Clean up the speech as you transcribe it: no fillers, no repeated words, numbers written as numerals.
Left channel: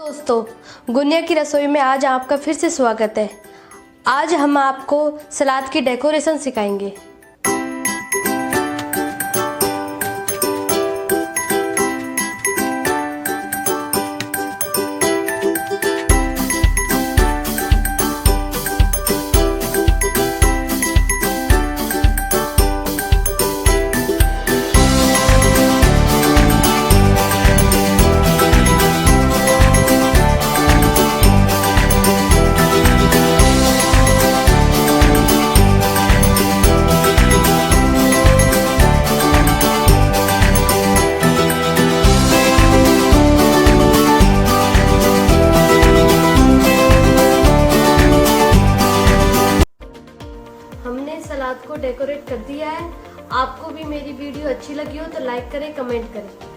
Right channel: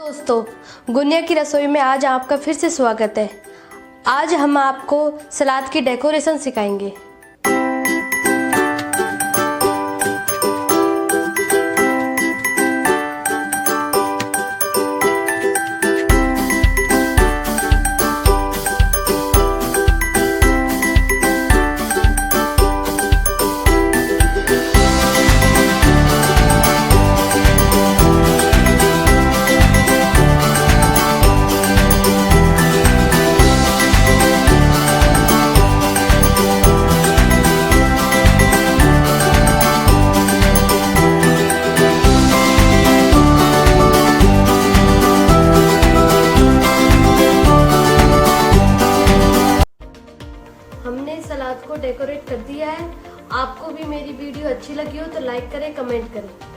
दोस्तों, गुनिया की रसोई में आज आपका फिर से स्वागत है। आज हम आपको सलाद की डेकोरेशन सिखाएंगे। हमने सलाद को डेकोरेट कर दिया है। आपको भी मेरी वीडियो अच्छी लगी हो तो लाइक करें, कमेंट करें।